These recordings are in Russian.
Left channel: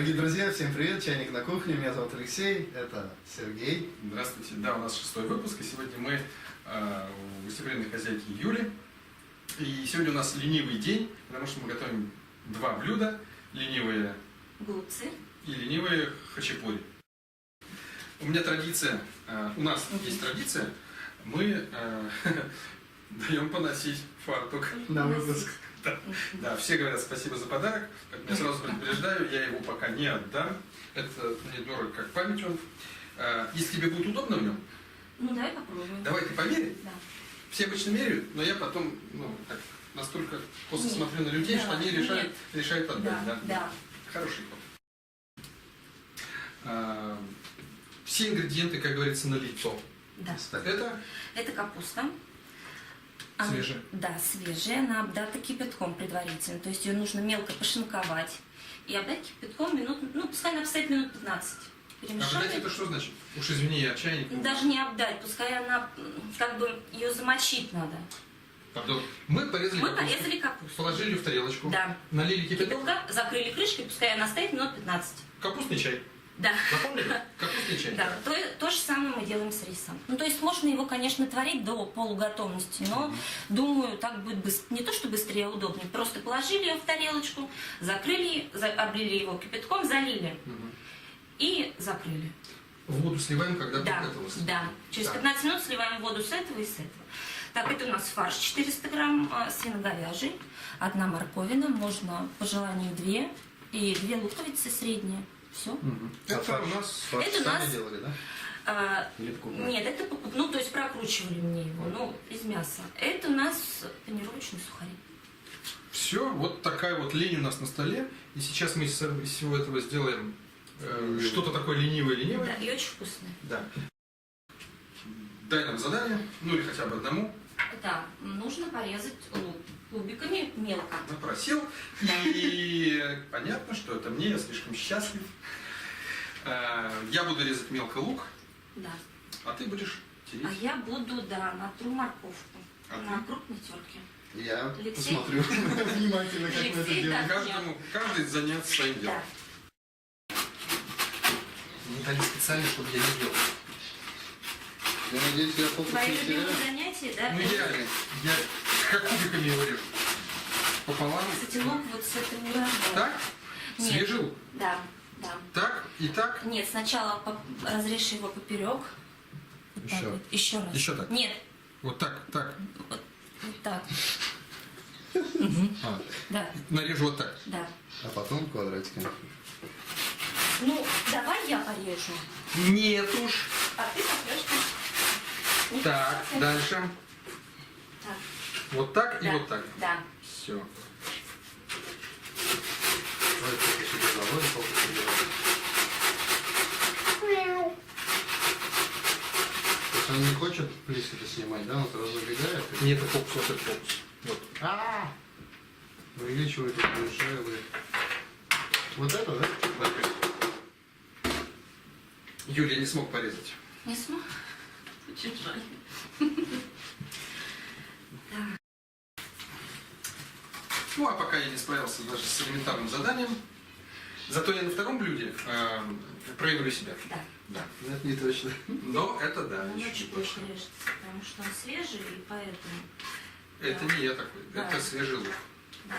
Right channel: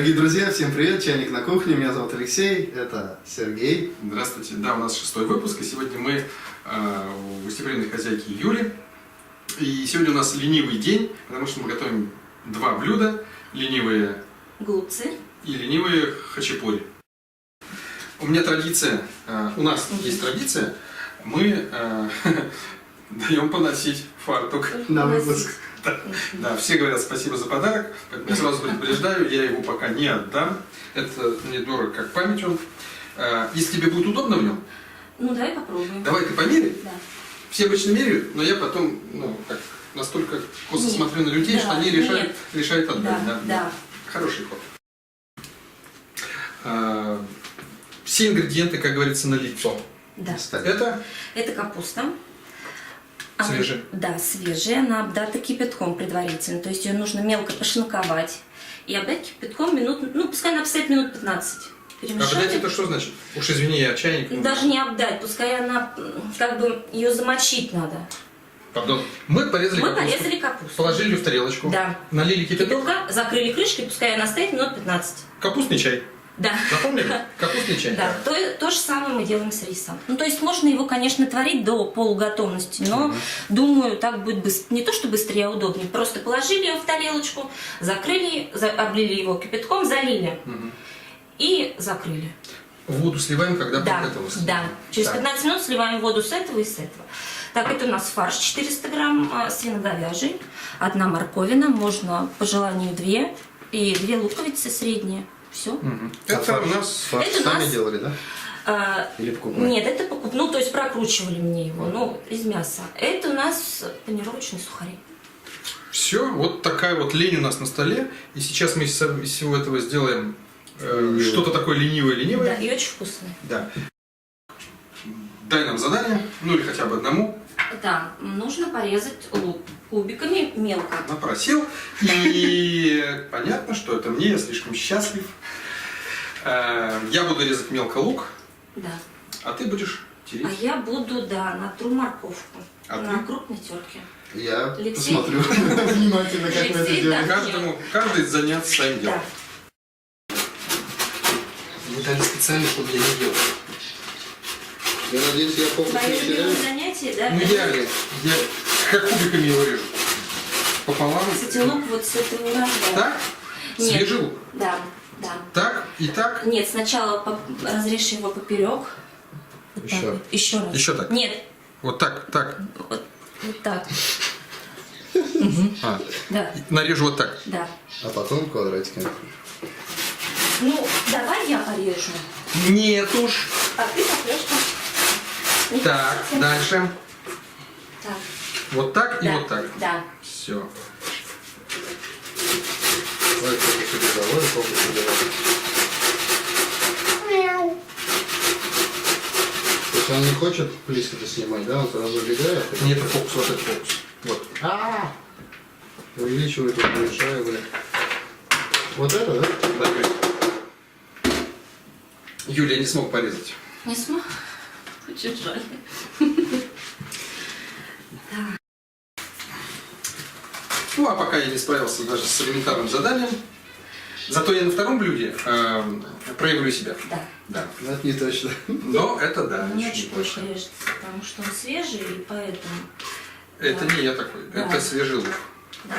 Дорогие друзья, всем привет! Чайник на кухне. Меня зовут Алексей, это Сергей. Здравствуйте. Да, у нас 6-й выпуск, и сегодня мы у гостеприимной хозяйки Юли. И сегодня у нас ленивый день, потому что мы готовим два блюда. Ленивые голубцы и ленивые хачапури. У меня традиция, у нас есть традиция, мы даем поносить фартук. На выпуск. Да, все говорят спасибо за подарок, поэтому я сразу предупреждаю, я его пока не отдам. Это мне дорого как память он. Если тебе будет удобно в нем, Ну, давай попробуем. давай ты померяй. Да. Все обычно меряют, но я потом настолько косо смотрю на людей, Да, что они решают отдать. Да. Хороший ход. Все ингредиенты, как говорится, на лицо. Да. Это капуста. свежая. Да, свежая. Она обдата кипятком предварительно. То есть ее нужно мелко пошинковать и обдать кипятком минут, пускай она обстоит минут 15. Перемешать. Обдать это что значит? Уж извини, я чайник. Даже не обдать, пускай она, ее замочить надо. Пардон. Мы порезали капусту. Положили в тарелочку. Да. Налили кипяток. Закрыли крышкой, пускай она стоит минут 15. Капустный чай. Да. Запомнили? Капустный чай. Да, то же самое мы делаем с рисом. То есть можно его, конечно, творить до полуготовности, но, думаю, так будет не то, что быстрее, а удобнее. Просто положили его в тарелочку, закрыли, облили его кипятком, залили и закрыли. Воду сливаем, когда подготовилось. Да, через 15 минут сливаем воду с этого и с этого. Так, это у нас фарш 400 грамм свино-говяжий, 1 морковина, можно по желанию 2, и 2 луковицы средние. Все. Это у нас Сами делали, да? Или покупали? Нет, это то есть прокручивали мне его, из мяса. Это у нас панировочные сухари. Все, вот такая вот лень у нас на столе. И сейчас мы из всего этого сделаем что-то такое ленивое. Да, и очень вкусное. Да. Дай нам задание, или хотя бы одному. Да, нужно порезать лук кубиками мелко. Напросил. И понятно, что это мне, я слишком счастлив. Я буду резать мелко лук. Да. А ты будешь тереть. А я буду, натру морковку на крупной терке. Я Алексей? посмотрю внимательно, как вы это Алексей, делаете. Каждый заняться своим делом. Мы дали специально, чтобы я не делал. Я надеюсь, я фокус Твои не любимые теряю. занятия, да? Я как кубиками его режу. Пополам. Кстати, лук вот с этого урожая. Так? Нет. Свежий лук? Да. Так и так? Нет, сначала разрежь его поперек. Еще. Еще раз. Еще так? Нет. Вот так. Вот так. Да. Нарежу вот так. Да. А потом квадратиками. Давай я порежу. Нет уж. А ты попрешь. Так, дальше. Так. Вот так и Да. вот так. Да. Все. Ой, сколько себе заводит, сколько себе заводит. То есть он не хочет близко-то снимать, да? Он сразу убегает? Нет, это фокус, вот этот фокус. Вот. Увеличивает, уменьшает. Вот это, да? Давай. Юля не смог порезать. Не смог? Очень жаль. А пока я не справился даже с элементарным заданием. Зато я на втором блюде проявлю себя. Да. Ну, это не точно. Но это да. Мне еще не очень больше точно. режется, потому что он свежий, и поэтому... Это Да. не я такой. Да. Это свежий лук. Да.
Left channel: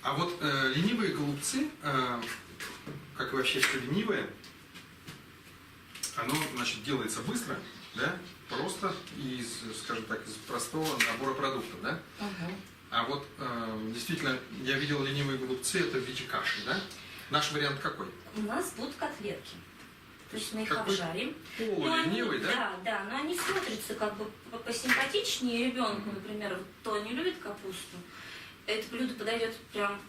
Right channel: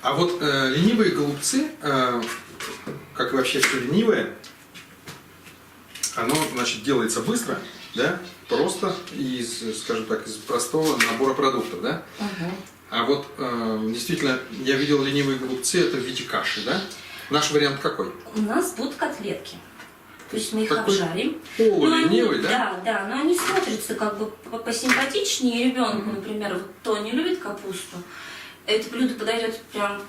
А вот ленивые голубцы, как и вообще все ленивое, оно, значит, делается быстро, да, просто из, скажем так, из простого набора продуктов, да. А вот действительно, я видел ленивые голубцы, это в виде каши, да. Наш вариант какой? У нас будут котлетки. То есть мы их Такой обжарим. полуленивый, да? Да, но они смотрятся как бы посимпатичнее ребенку, например, кто не любит капусту. Это блюдо подойдет прям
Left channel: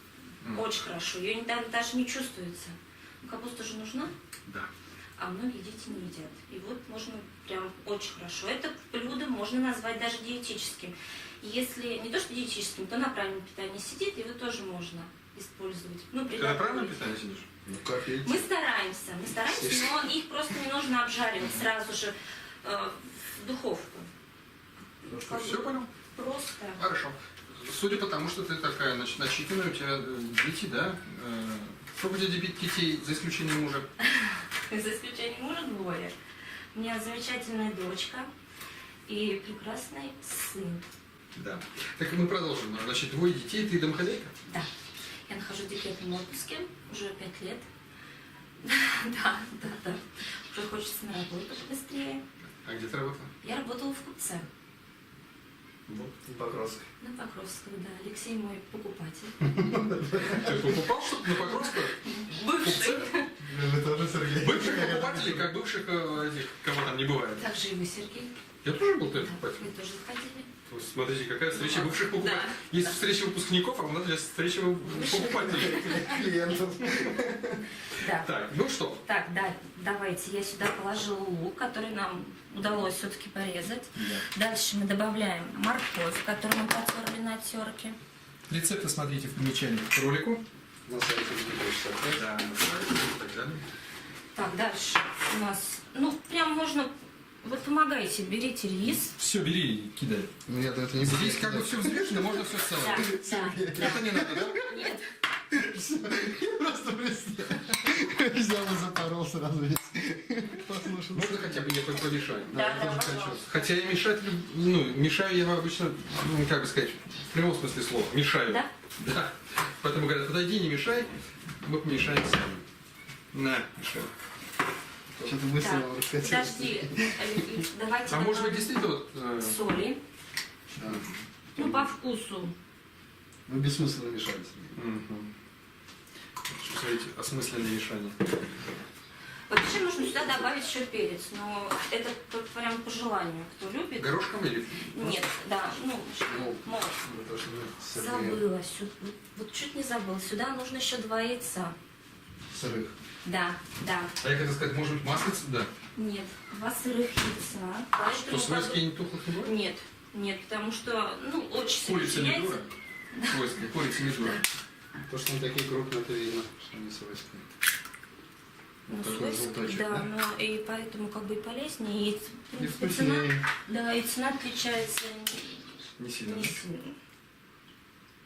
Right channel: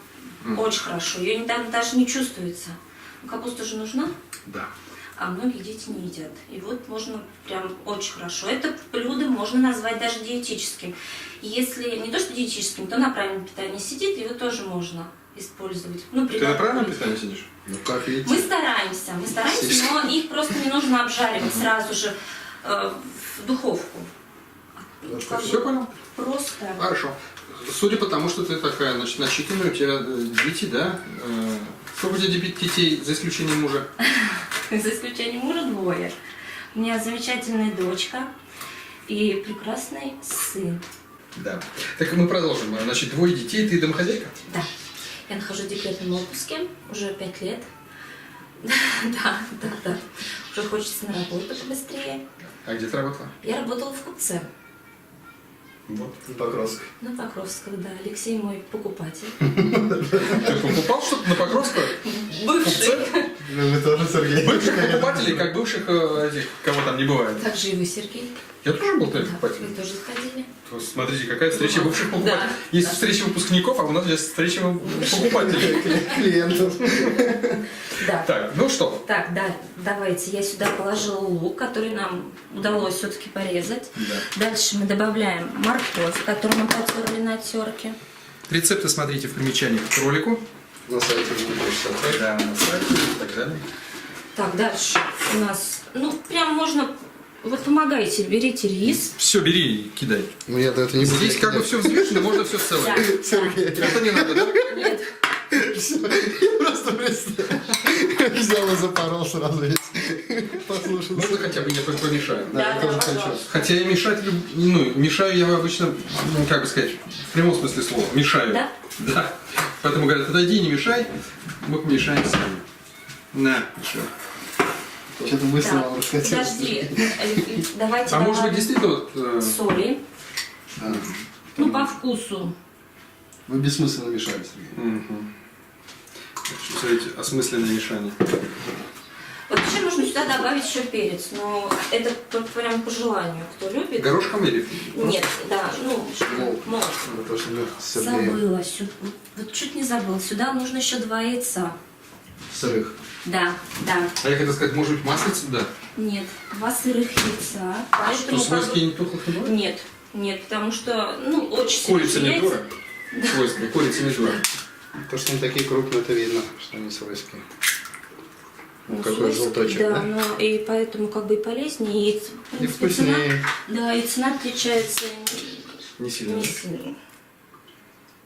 очень хорошо. Ее даже не чувствуется. Капуста же нужна, Да. а многие дети не едят. И вот можно прям очень хорошо. Это блюдо можно назвать даже диетическим. Если не то что диетическим, то на правильном питании сидит, его тоже можно использовать. Ты на правильном питании сидишь? Ну, как видите. Мы стараемся, но их просто не нужно обжаривать сразу же в духовку. Все понял? Просто. Хорошо. Судя по тому, что ты такая, значит, начитанная, у тебя дети, да, Сколько у тебя детей, за исключением мужа? За исключением мужа 2. У меня замечательная дочка и прекрасный сын. Да. Так мы продолжим. Значит, 2 детей, ты домохозяйка? Да. Я нахожусь в декретном отпуске уже 5 лет. Да. Уже хочется на работу побыстрее. А где ты работала? Я работала в купце. Вот. Покровск. На Покровского, да. Алексей мой покупатель. Ты покупал что-то на Покровского? Бывший. Вы тоже, Сергей. Бывших покупателей, как бывших этих, кого там не бывает. Также и вы, Сергей. Я тоже был твоим Да, покупателем. вы тоже заходили. То Смотрите, какая встреча бывших покупателей. Да. Есть встреча выпускников, а у нас здесь встреча покупателей. Клиентов. Да. Так, ну что? Так, да, давайте. Я сюда положила лук, который нам удалось все-таки порезать. Дальше мы добавляем морковь, которую мы потерли на терке. Рецепты смотрите в примечании к ролику. На сайте Википедии. Да, на сайте и так далее. Так, дальше у нас, ну, прям можно, вот помогайте, берите рис. Все, бери и кидай. Ну я-то это не Здесь как бы все взвешено, можно все целое. Да, Сергей, Это не надо, да? Нет, я просто взял и запорол сразу весь. Послушал. Можно хотя бы я помешаю? Да, я Да, тоже да, хочу. пожалуйста. Хотя я мешать, мешаю я обычно, ну, как бы сказать, в прямом смысле слова, мешаю. Да? Да. Поэтому говорят, отойди, не мешай, мы помешаем сами. На, еще. Что-то быстро Так, вам раскатилось. подожди, давайте А может быть добавим действительно вот... соли, А, ну, по вкусу. Вы бессмысленно мешали, Сергей. Мгм. Смотрите, осмысленное мешание. Вообще можно сюда добавить еще перец, но это прям по желанию, кто любит. Горошком или? Нет, да, ну, Молот. молот. Ну, то, что мы с Сергеем Забыла, вот чуть не забыла. Сюда нужно еще 2 яйца. сырых. Да. А я хотел сказать, может быть, маслица, да? Нет, 2 сырых яйца. Что, Поэтому свойские не тухлых не бывает? Нет, потому что, ну, очень Курица не яйца. дура? Свойские, курица не дура. То, что они такие крупные, это видно, что они свойские. Ну, Какой свойский, желточек, да, да? но и поэтому как бы и полезнее, и, в И принципе, цена, вкуснее. да, и цена отличается Не сильно. не да? сильно.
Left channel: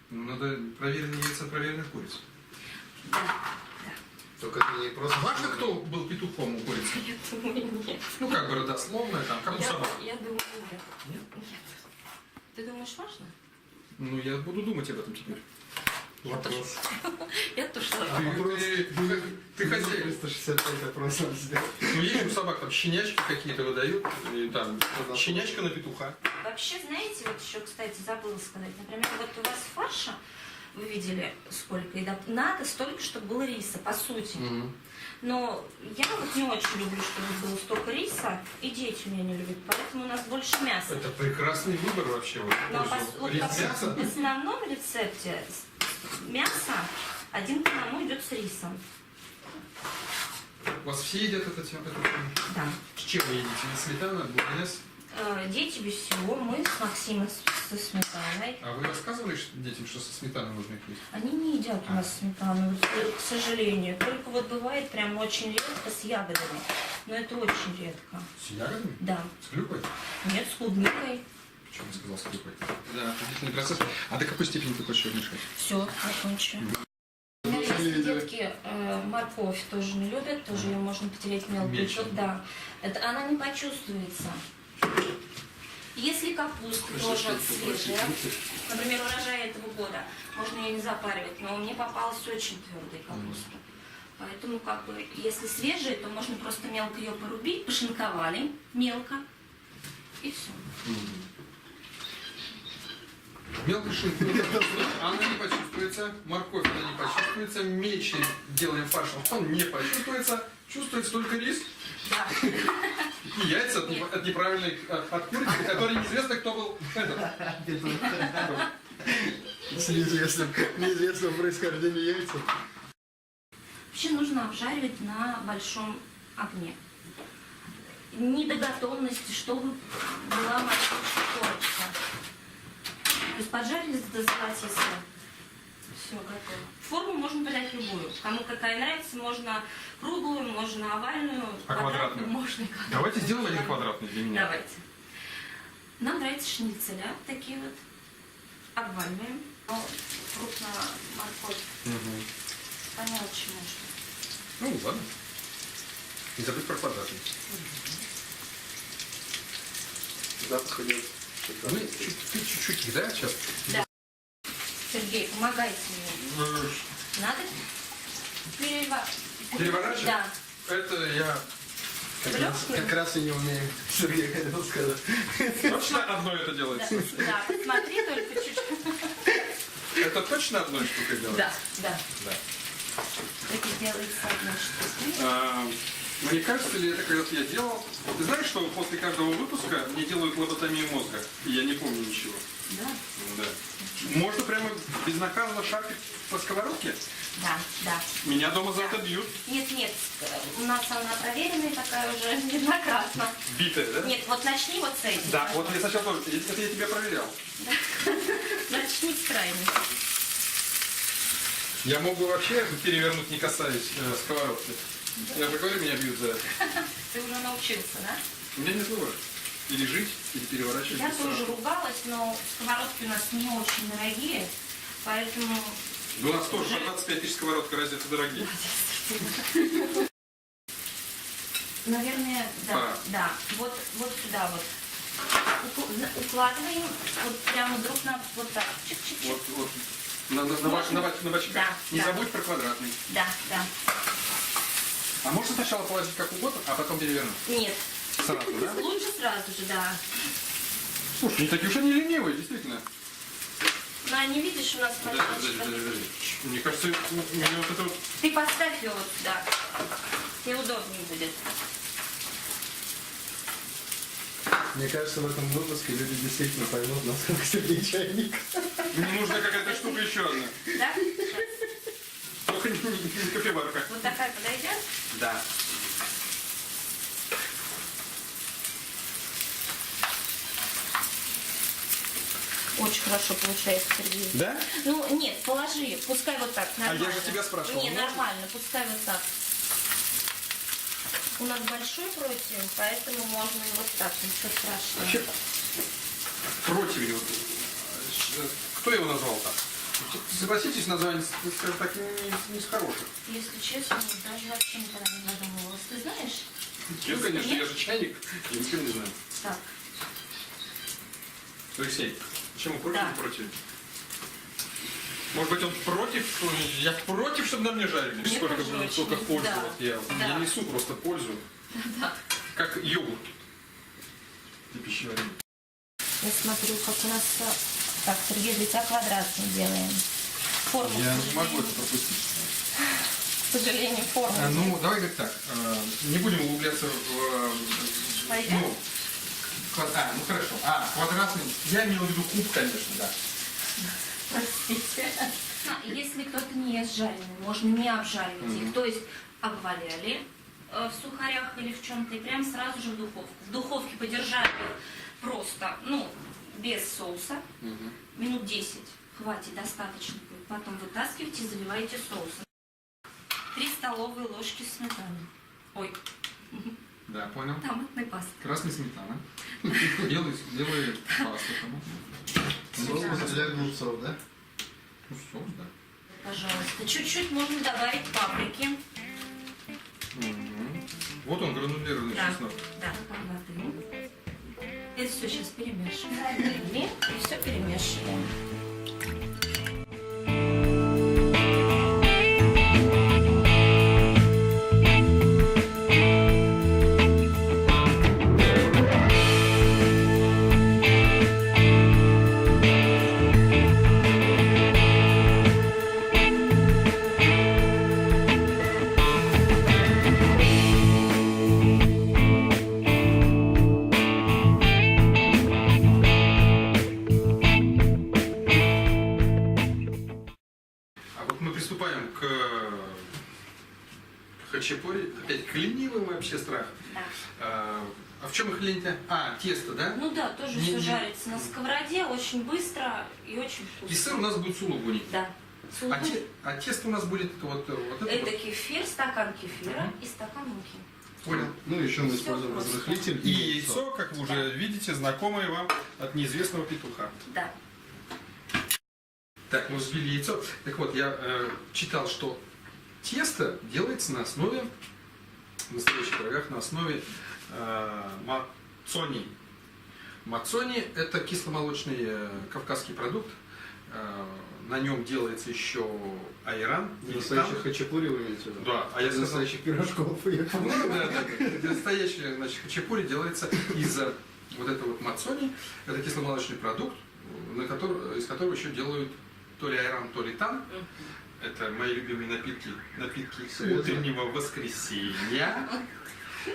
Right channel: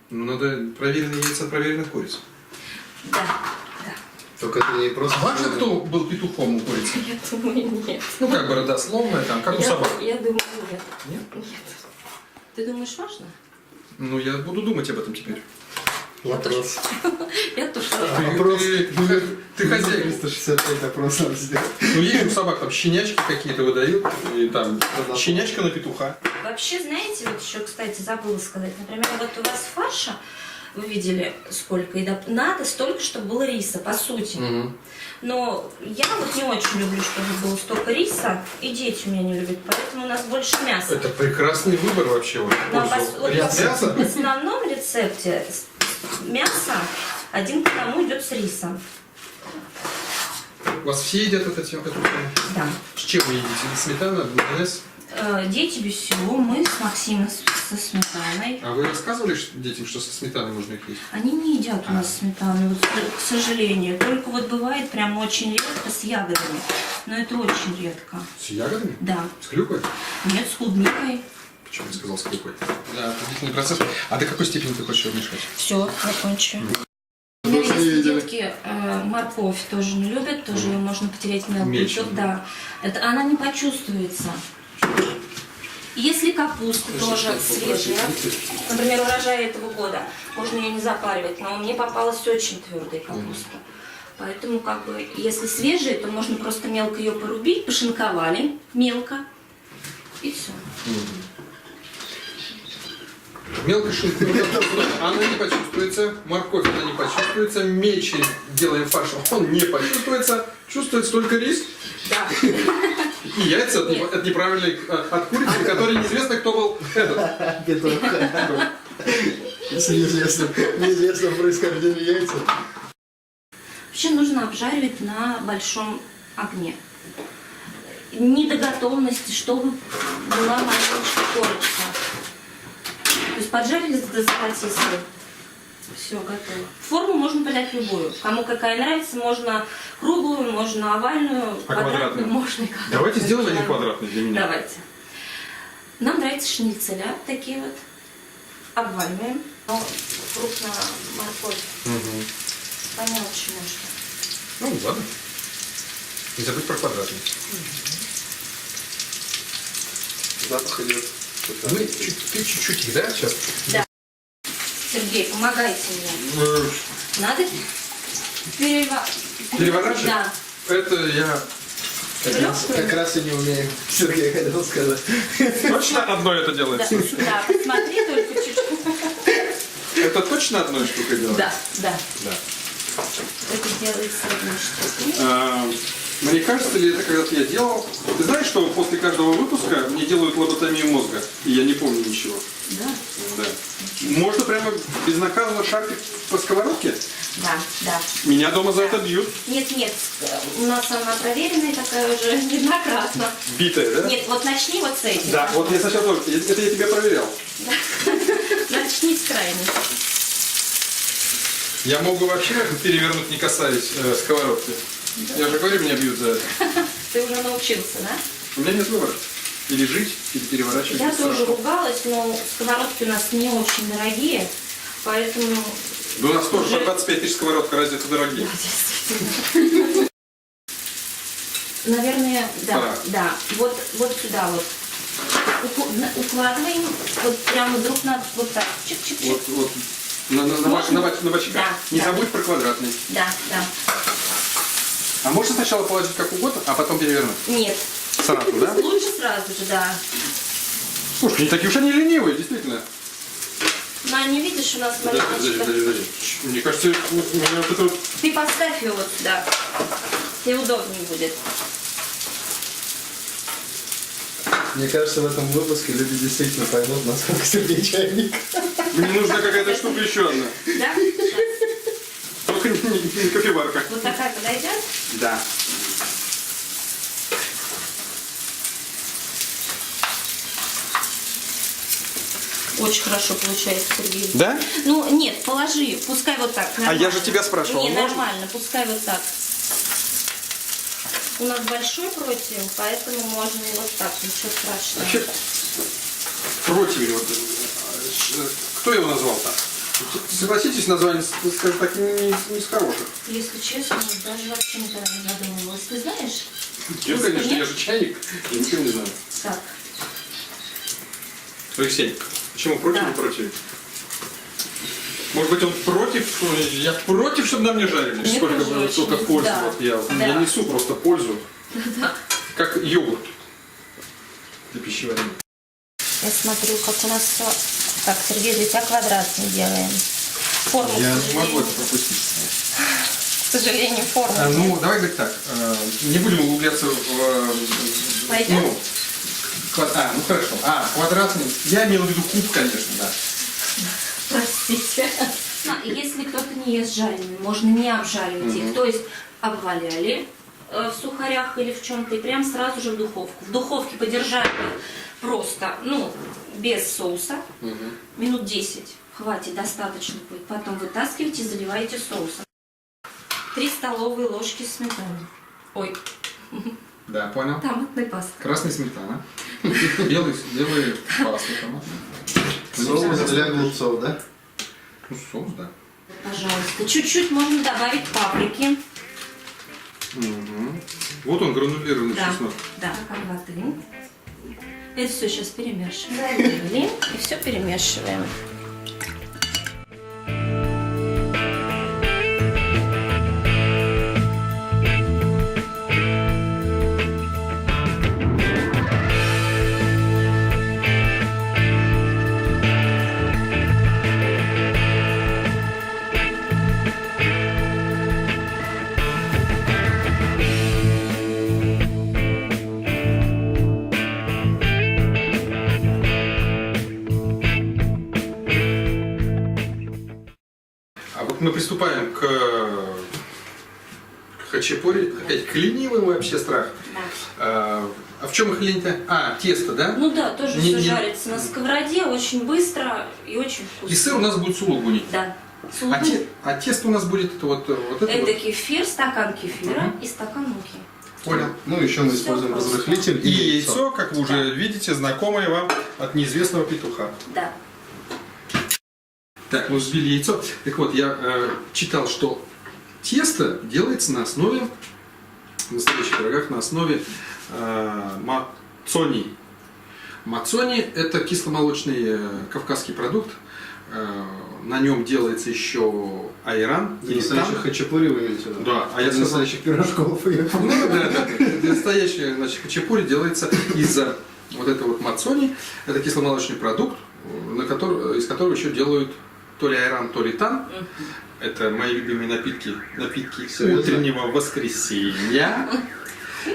Ну, надо проверенные яйца, проверенных куриц. Да. Только это не просто... Важно, кто был петухом у курицы? Я думаю, нет. Ну, как бы родословная, там, как у собак. Я думаю, нет. Нет? Нет. Ты думаешь, важно? Ну, я буду думать об этом теперь. Вопрос. Я тоже. Вопрос. Ты хозяин. 365 вопрос надо сделать. Ну, есть же у собак там щенячки какие-то выдают, и там щенячка на петуха. Вообще, знаете, вот еще, кстати, забыла сказать. Например, вот у вас фарша, вы видели сколько, и надо столько, чтобы было риса, по сути. Но я вот не очень люблю, чтобы было столько риса, и дети у меня не любят, поэтому у нас больше мяса. Это прекрасный выбор вообще. Вот, в Но пользу вот мяса. в основном рецепте мясо 1 к 1 идет с рисом. У вас все едят эту тему? Да. С чем вы едите? Сметана, майонез? Дети без всего, мы с Максимом со сметаной. А вы рассказывали детям, что со сметаной можно их есть? Они не едят у нас сметану, вот, к сожалению. Только вот бывает прям очень редко с ягодами. Но это очень редко. С ягодами? Да. С клюквой? Нет, с клубникой. Почему я сказал с клюквой? Да, отличный процесс. А до какой степени ты хочешь мешать? Все, закончу. Больше не Если видели. детки морковь тоже не любят, тоже ее можно потереть мелко. Мельче. Да. Это, она не почувствуется. Если капуста тоже свежая, например, урожай этого года, можно ее не запаривать, но мне попалась очень твердая капуста. Поэтому, как бы, если свежая, то можно просто мелко ее порубить, пошинковали мелко, и все. Мелко шинку. Она не почувствуется. Морковь она не почувствуется. Мельче делаем фарш, он не почувствуется. Чувствуется только рис Да. и яйца от неправильной, от курицы, который неизвестно кто был этот. Петух. С неизвестным происхождением яйца. Вообще нужно обжаривать на большом огне. Не до готовности, чтобы была маленькая корочка. То есть поджарили до золотистого. Все, готово. Форму можно подать любую. Кому какая нравится, можно круглую, можно овальную, А квадратную? можно и квадратную. Давайте сделаем один квадратный для меня. Давайте. Нам нравятся шницеля, такие вот. Обваливаем. Но крупная морковь. помельче можно. Ну, ладно. Не забудь про квадратный. Запах идет. Мы чуть-чуть, да, сейчас? Да. Сергей, помогайте мне. Надо Переворачивать? Да. Это я Как раз и не умею. Сергей хотел сказать. точно одно это Да, делается? да, посмотри только чуть-чуть. Это точно одной штукой делается? Да. Да. Это делается одной штукой. Мне кажется, ли это когда-то я делал? Ты знаешь, что после каждого выпуска мне делают лоботомию мозга, и я не помню ничего. Да. Да. Можно прямо безнаказанно шаркать по сковородке? Да. Меня дома за это бьют. Нет, у нас она проверенная такая уже неоднократно. Битая, да? Нет, вот начни вот с этим. Да, вот я сначала тоже. Это я тебя проверял. Начни с крайней. Я могу вообще перевернуть, не касаясь сковородки. Я же говорю, меня бьют за это. Ты уже научился, да? У меня нет выбора. Или жить, или переворачивать. Я без тоже страха. ругалась, но сковородки у нас не очень дорогие, поэтому... Да у нас тоже Уже- по 25 тысяч сковородка, разве это дорогие? Действительно. Наверное, да, Пора. да. Вот сюда вот. Укладываем вот прямо друг на вот так. Чик-чик-чик. Вот на бочках. Да, Не да. забудь про квадратный. Да. А можно сначала положить как угодно, а потом перевернуть? Нет. Сразу, да? Лучше сразу же, да. Слушай, не такие уж они ленивые, действительно. Но не видишь, у нас Подожди. маленечко. Мне кажется, у меня вот это вот... Ты поставь ее вот сюда. Тебе удобнее будет. Мне кажется, в этом выпуске люди действительно поймут, насколько Сергей чайник. Мне нужна какая-то штука еще одна. Да? Только не кофеварка. Вот такая подойдет? Да. Очень хорошо получается, Сергей. Да? Ну, нет, положи, пускай вот так. А я же тебя спрашивал, Не, можно? нормально, пускай вот так. У нас большой противень, поэтому можно и вот так, ничего страшного. Вообще, противень, вот, кто его назвал так? Согласитесь, название, скажем так, не из хороших. Если честно, даже вообще никогда не задумывалась. Ты знаешь? Я, конечно, я же чайник, я ничего не знаю. Так, Алексей, почему против Да. и против? Может быть, он против, я против, чтобы на мне жарили, Мне сколько тоже столько очень, пользы. да. Вот я Да. несу просто пользу, как йогурт для пищеварения. я смотрю, как у нас все. Так, Сергей, для тебя квадратный делаем. Форму, Я к не сожалению, могу это пропустить. к сожалению, форму. Ну, давай говорить так, не будем углубляться в... Пойдет? Ну хорошо. Квадратный. Я имел в виду куб, конечно, да. Простите. Если кто-то не ест жареные, можно не обжаривать их. То есть обваляли в сухарях или в чем-то и прям сразу же в духовку. В духовке подержали просто, без соуса, минут 10. Хватит, достаточно будет. Потом вытаскиваете и заливаете соусом. 3 столовые ложки сметаны. Ой, Да, понял. томатной пасты. Красная сметана. Белый паста томат. Соус для голубцов, да? Ну, соус, да. Пожалуйста. Чуть-чуть можно добавить паприки. Вот он, гранулированный Да, чеснок. да. Воды. Это все сейчас перемешиваем. Залили и все перемешиваем. А вот мы приступаем к хачапури, опять к ленивым вообще страх. Да. А в чем их лень-то? Тесто, да? Ну да, тоже Не- все не- жарится на сковороде, очень быстро и очень вкусно. И сыр у нас будет сулугуни. Да. А тесто у нас будет это вот это Это вот. кефир, стакан кефира и стакан муки. Понял. Ну, еще мы Всё используем просто. разрыхлитель И яйцо, как вы уже Да. видите, знакомое вам от неизвестного петуха. Да. Так, мы взбили яйцо. Так вот, я читал, что тесто делается на основе, в настоящих пирогах, на основе мацони. Мацони – это кисломолочный кавказский продукт. На нем делается еще айран. Для настоящих хачапури вы имеете в виду? Да, а я Для сказал... настоящих пирожков. Ну, да. Настоящий, значит, хачапури делается из вот этого вот мацони. Это кисломолочный продукт, из которого еще делают то ли айран, то ли тан. Это мои любимые напитки утреннего воскресенья.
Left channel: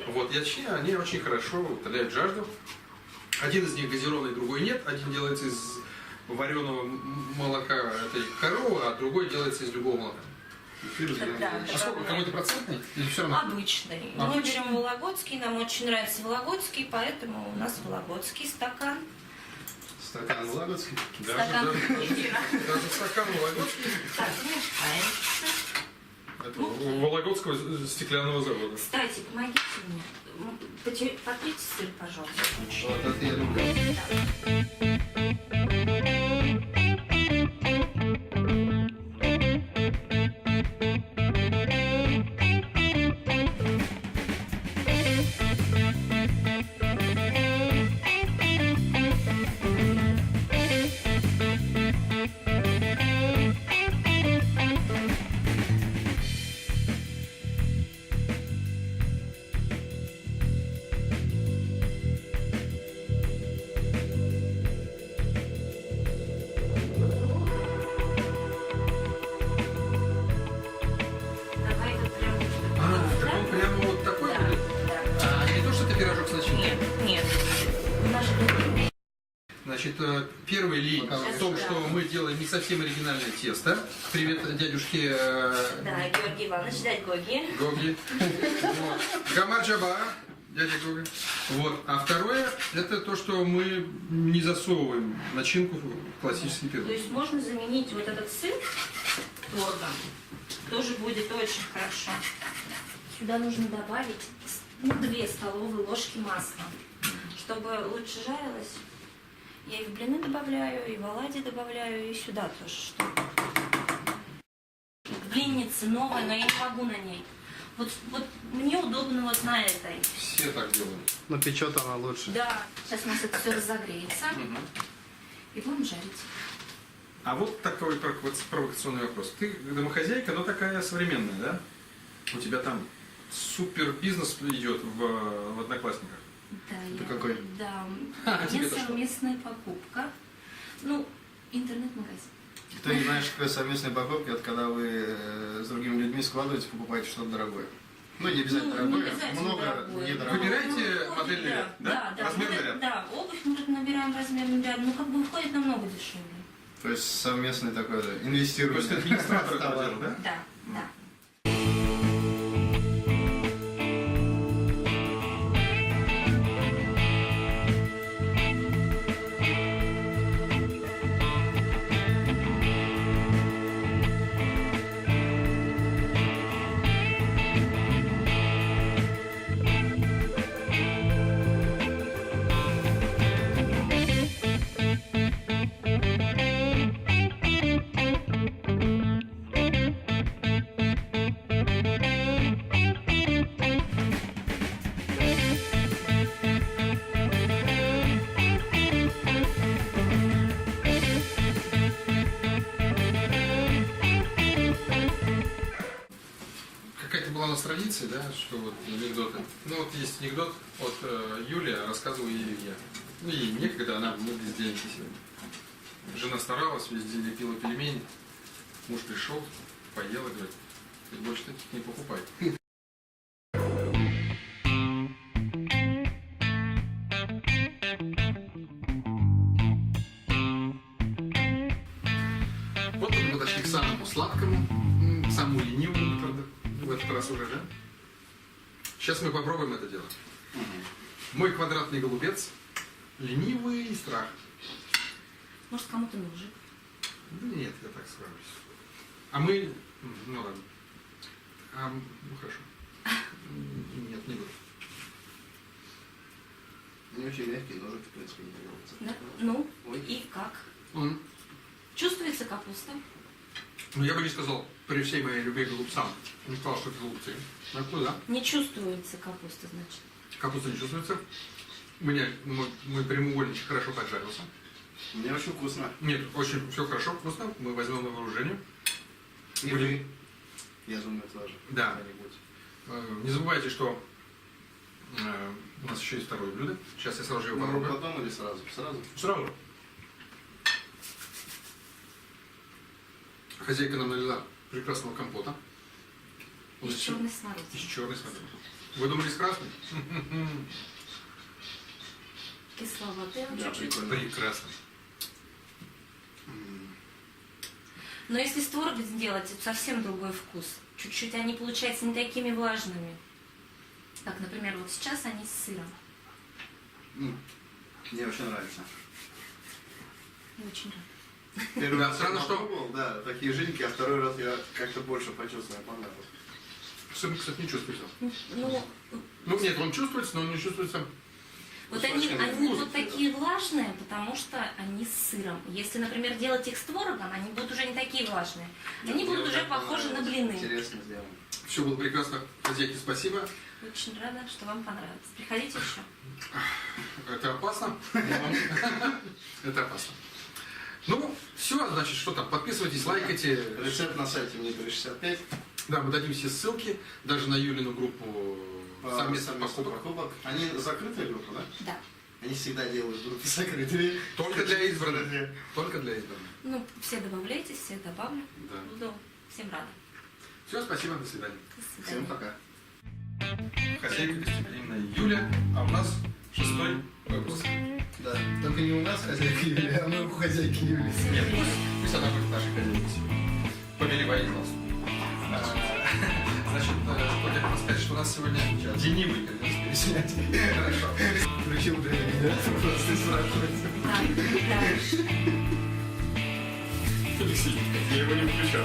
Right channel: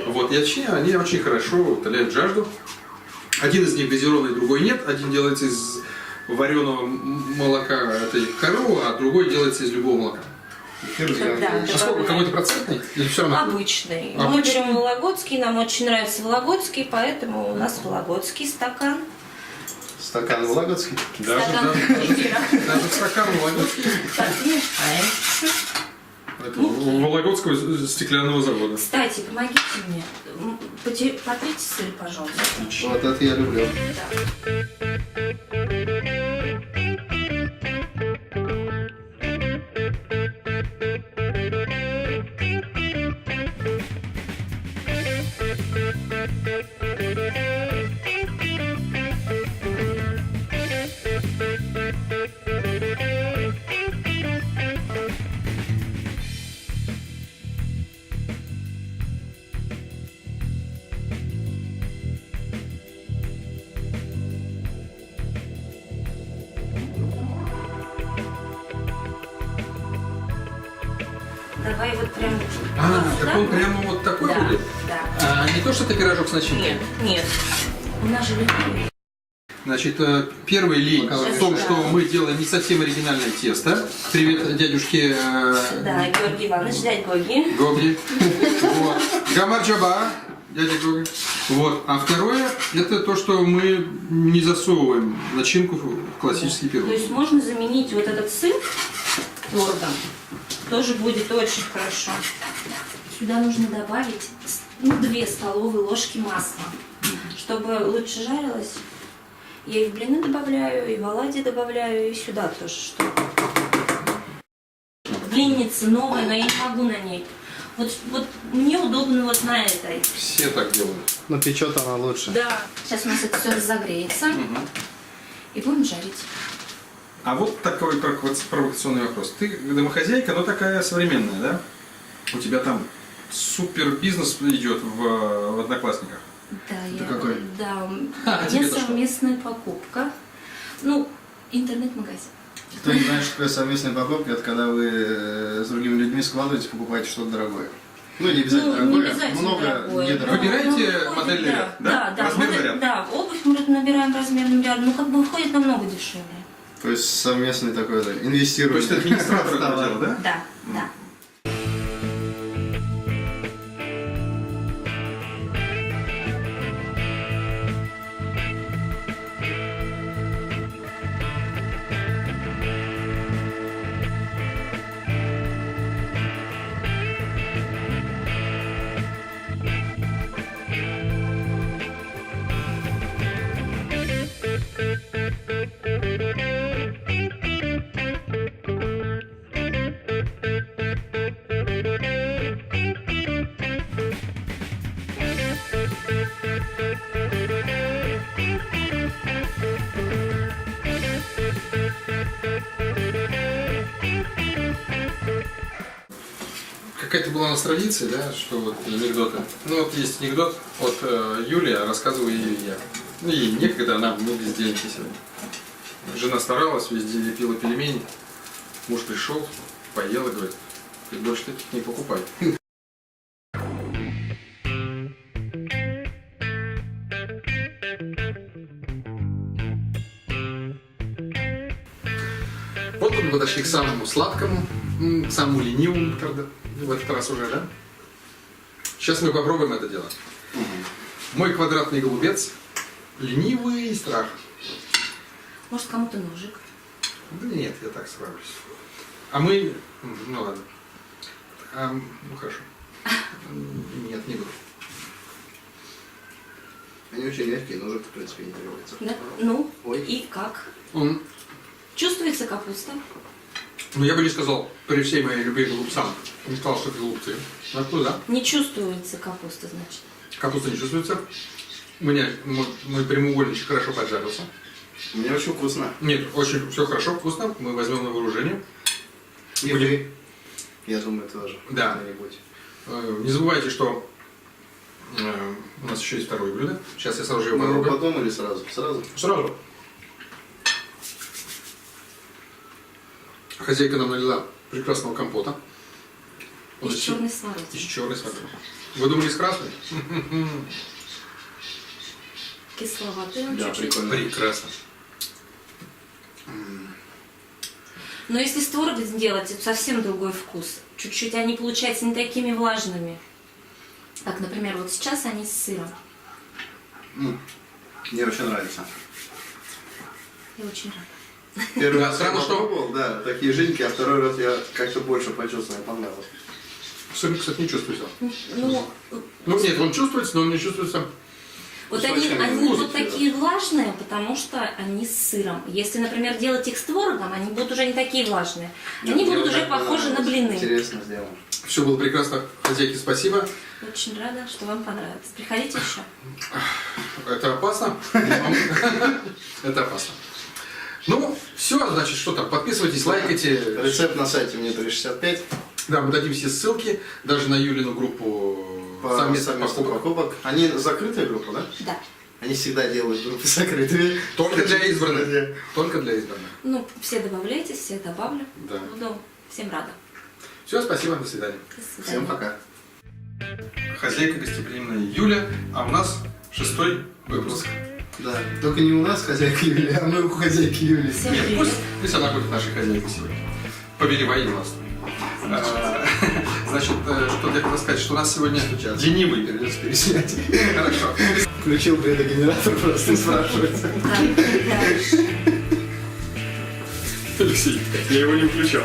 Вот, и они очень хорошо утоляют жажду. Один из них газированный, другой нет. Один делается из вареного молока этой коровы, а другой делается из любого молока. Да, А сколько? Какой-то процентный? Или все равно? Обычный. Мы берем вологодский, нам очень нравится вологодский, поэтому у нас вологодский стакан. Стакан вологодский? Стакан кефира. Даже стакан вологодский. Так, мешаем. Это Вологодского стеклянного завода. Кстати, помогите мне. Потрите сыр, пожалуйста. Вот это я люблю. Давай вот прям... Так он прямо вот такой Да, будет? да. Не то, что это пирожок с начинкой? Нет. У нас же ленивый. Значит, первый лень в том, что мы делаем не совсем оригинальное тесто. Привет дядюшке Да, Георгий Иванович, дядь Гоги. Гогли. Вот. Гамарджаба, дядя Гоги. Вот. А второе, это то, что мы не засовываем начинку в классический пирог. То есть можно заменить вот этот сыр творогом. Тоже будет очень хорошо. Сюда нужно добавить 2 столовые ложки масла, чтобы лучше жарилось. Я и в блины добавляю, и в оладьи добавляю, и сюда тоже что. Блинница новая, но я не могу на ней. Вот мне удобно вот на этой. Все так делают. Но печет она лучше. Да. Сейчас у нас это все разогреется. И будем жарить. А вот такой провокационный вопрос. Ты домохозяйка, но такая современная, да? У тебя там супер бизнес идет в Одноклассниках. Да, Это какой? Да, у А, меня тебе-то что? совместная покупка. Ну, интернет-магазин. Кто не знает, что такое совместная покупка, это когда вы с другими людьми складываете, покупаете что-то дорогое. Ну, не обязательно Ну, не дорогое, обязательно много дорогое. недорогое. Выбираете выходит, модельный ряд, да? Да, Размерный модель- ряд? Да, обувь мы набираем размерным рядом, ну как бы выходит намного дешевле. То есть совместный такой, да, инвестирование. То есть ты администратор этого Товар. дела, да? Да, да. Какая-то была у нас традиция, да, что вот анекдоты. Ну вот есть анекдот от Юлия, рассказываю ее я. Ну ей некогда, она мы без денег сегодня. Жена старалась, весь день лепила пельмени. Муж пришел, поел и говорит, ты больше таких не покупай. Вот мы подошли к самому сладкому, самому ленивому, правда, в этот раз уже, да? Сейчас мы попробуем это дело. Мой квадратный голубец, ленивый страх. Может, кому-то ножик. Да нет, я так справлюсь. А мы... Ну ладно. Ну хорошо. Нет, не буду. Они очень мягкие, ножик, в принципе, не требуется. Да? Ну, Ой. и как? Он Чувствуется капуста? Ну, я бы не сказал, при всей моей любви к голубцам, не сказал, что это голубцы. А что, да? Не чувствуется капуста, значит. Капуста не чувствуется. У меня мой прямоугольничек хорошо поджарился. Мне очень вкусно. Нет, очень все хорошо, вкусно. Мы возьмем на вооружение. И вы, я думаю, тоже. Да. Когда-нибудь. Не забывайте, что у нас еще есть второе блюдо. Сейчас я сразу же его Мы его попробую. потом или сразу? Сразу? Сразу. Хозяйка нам налила прекрасного компота. Он Из из черной смородины. из черной смородины. Вы думали, из красной? Кисловатый он Да, чуть-чуть. прикольно. Прекрасно. Но если с творогом сделать, это совсем другой вкус. Чуть-чуть они получаются не такими влажными. Как, например, вот сейчас они с сыром. Мне очень нравится. Я очень рада. Первый Да, раз странно, я что- попробовал, да, такие жиденькие, а второй раз я как-то больше почувствовал, мне понравилось. Сыр, кстати, не чувствуется. Ну, Ну, нет, он чувствуется, но он не чувствуется. вот Ну, они совсем вот вкусно, такие влажные, потому что они с сыром. Если, например, делать их с творогом, они будут уже не такие влажные. Они Мне будут вот уже так похожи на понравилось. блины. Интересно сделано. Все было прекрасно. Хозяйке спасибо. Очень рада, что вам понравилось. Приходите еще. Это опасно. Это опасно. Ну, все, значит, что там, подписывайтесь, лайкайте. Рецепт на сайте мне 365 Да, мы дадим все ссылки, даже на Юлину группу по совместных совместным покупок. покупок. Они закрытая группа, да? Да. Они всегда делают группы закрытыми. Только для избранных. Только для избранных. Ну, все добавляйтесь, все добавлю. Да. Буду всем рада. Все, спасибо, до свидания. До свидания. Всем пока. Хозяйка гостеприимная Юля, а у нас 6-й выпуск. Да, только не у нас хозяйка Юлия, а мы у хозяйки Юлии. Всем Нет, привет. пусть она будет нашей хозяйкой сегодня. Повелевай у нас. Значит, что я хотел сказать, что у нас сегодня Сейчас. ленивый. Придется переснять. Хорошо. Включил предогенератор, просто спрашивается. Так, дальше. Алексей, я его не включал.